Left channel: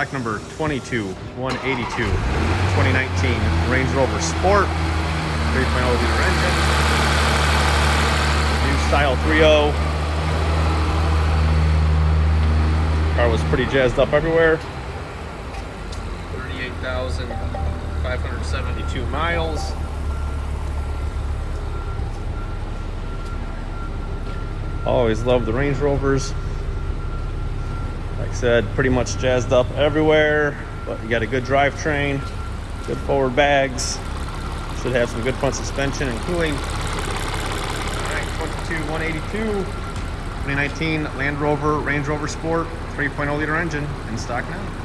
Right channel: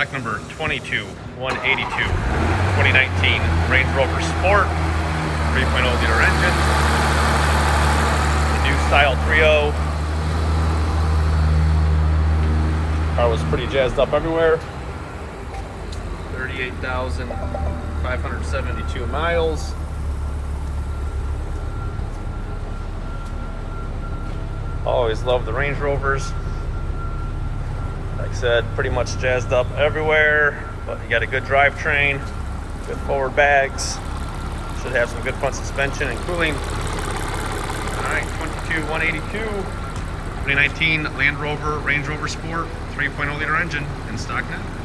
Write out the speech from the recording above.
Stock number 22182, 2019 Range Rover Sport, 3.0 liter engine, new style 3.0. Car was pretty jazzed up everywhere. 38,572 miles. Always loved the Range Rovers. Said pretty much jazzed up everywhere. You got a good drivetrain, good forward bags. Should have some good front suspension and cooling. Alright, 22182, 2019 Land Rover Range Rover Sport, 3.0 liter engine in stock now.